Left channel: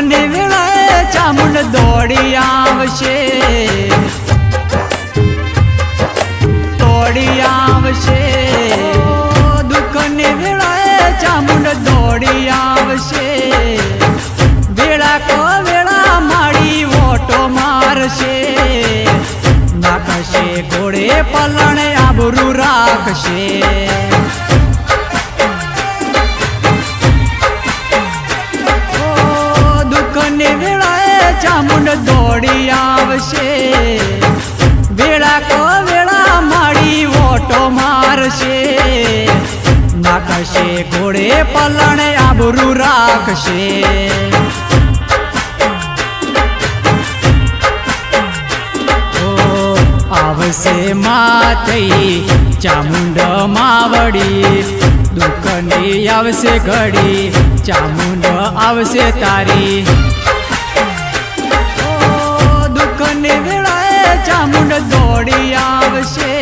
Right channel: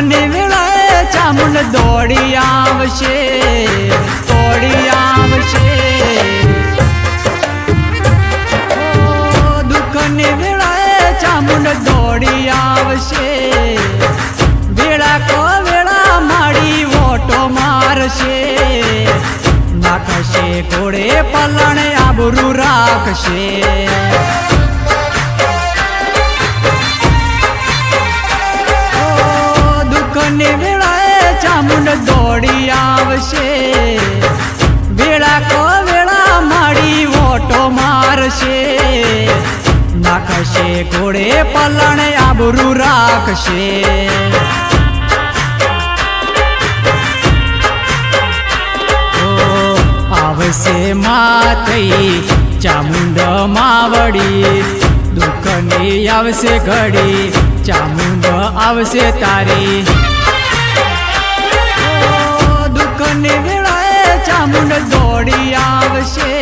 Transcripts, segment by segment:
દુઃખની વેળાએ ચામુંડ દોડી આવશે, દોડી આવશે, દોડી આવશે. દુઃખની વેળાએ ચામુંડ દોડી આવશે. વેળા કો વેળા માડી ઓટો મારશે. નાખશે ઘોડે પલણે આબરૂ રાખશે. દુઃખની વેળાએ ચામુંડ દોડી આવશે. વેળા કો વેળા માડી ઓટો મારશે. નાખશે ઘોડે પલણે આબરૂ રાખશે. આવશે માતઈ ચામુંડ માવડી. દુઃખની આવશે ઘડી ચામુંડ આવશે તારી. દુઃખની વેળાએ ચામુંડ દોડી આવશે.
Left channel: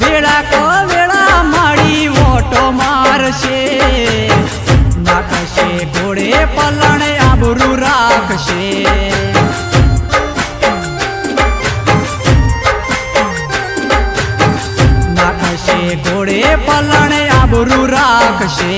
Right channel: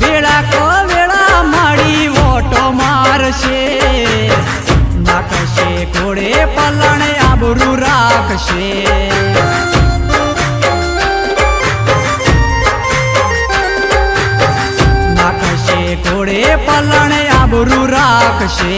વેળા કો વેળા માડી ઓટો મારશે. નાખશે ઘોડે પલણે આબરૂ રાખશે. નાખશે ઘોડે પલણે આબરૂ રાખશે.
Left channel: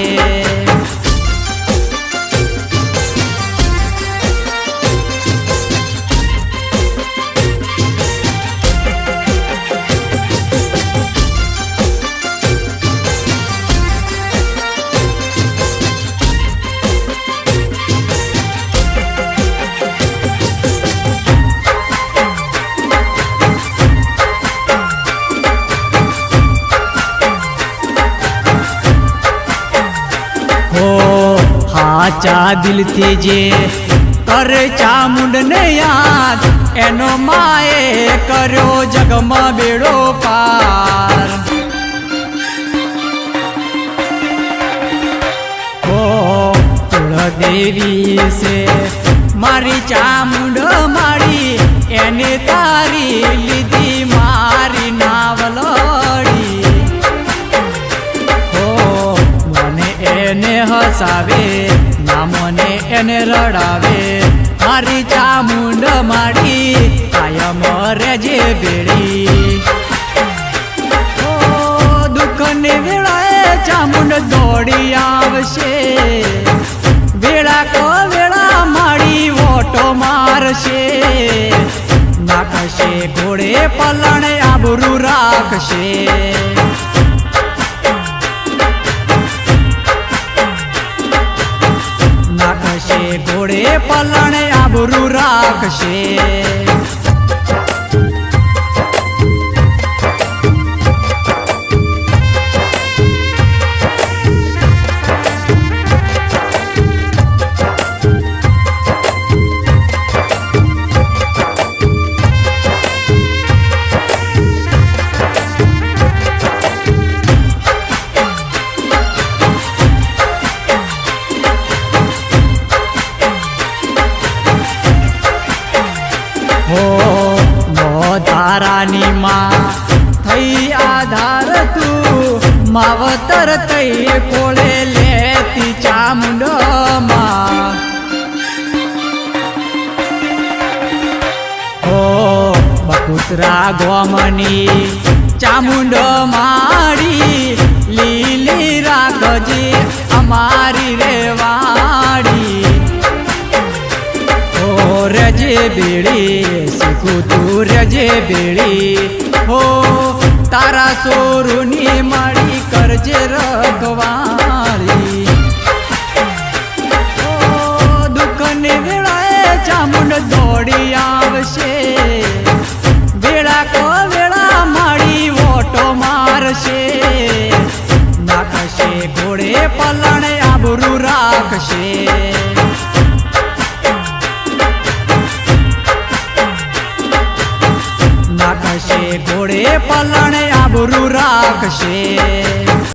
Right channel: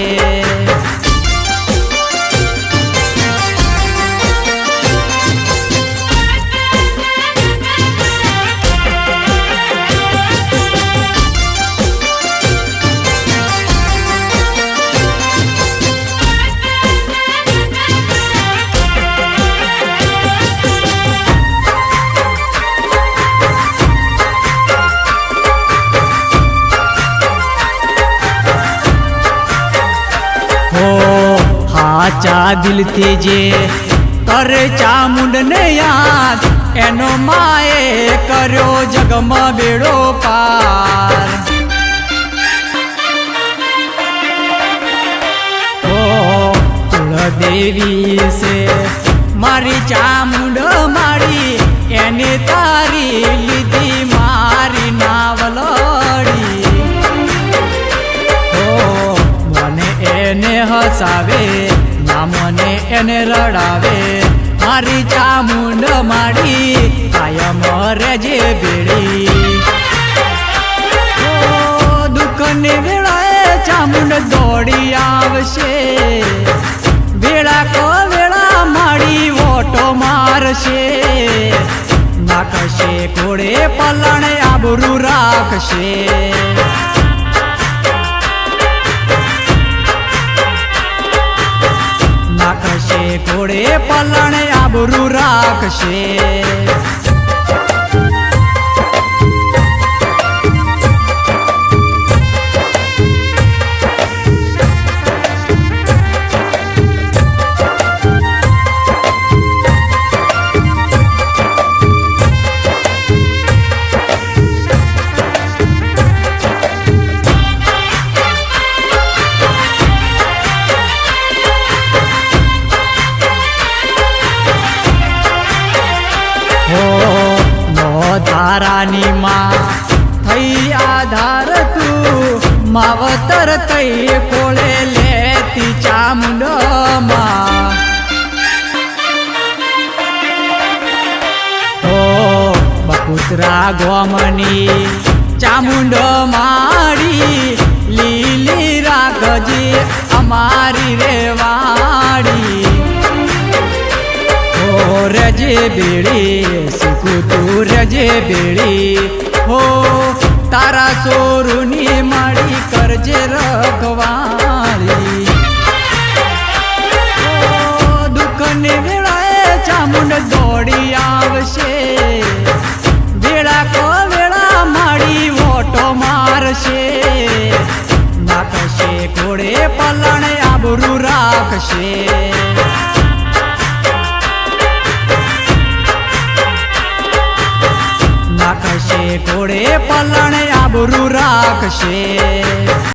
હાચા દિલથી જે કરે ચામુંડને યાદ, એનો માએ કર્યો જગમાં બેડો પાર. કુળદેવી છે મારી ચામુંડ મારી, એને તારી લીધી મારી નાવલડી. એને હસાવે ના મને એને રડાવે. મારી ચામુંડ માડી કાયમ રેજે બેડી. દુઃખની વેળાએ ચામુંડ દોડી આવશે. વેળા કો વેળા માડી ઓટો મારશે. નાખશે ઘોડે પલણે આબરૂ રાખશે. નાખશે ઘોડે પલણે આબરૂ રાખશે. ધારાની માં થઈ આધાર તું, માવતર તઈ કોળે લેતી ચામુંડ માં. બકુતરા ગોમની ચામુંડ માડી, લીલી રાખજે અમારી રેવાડી. રજે બેડી શીખું તું રજે બેડી. હો તારા સોરુની માડી કરજે રખવાળી. દુઃખની વેળાએ ચામુંડ દોડી આવશે. વેળા કો વેળા માડી ઓટો મારશે. નાખશે ઘોડે પલણે આબરૂ રાખશે. નાખશે ઘોડે પલણે આબરૂ રાખશે.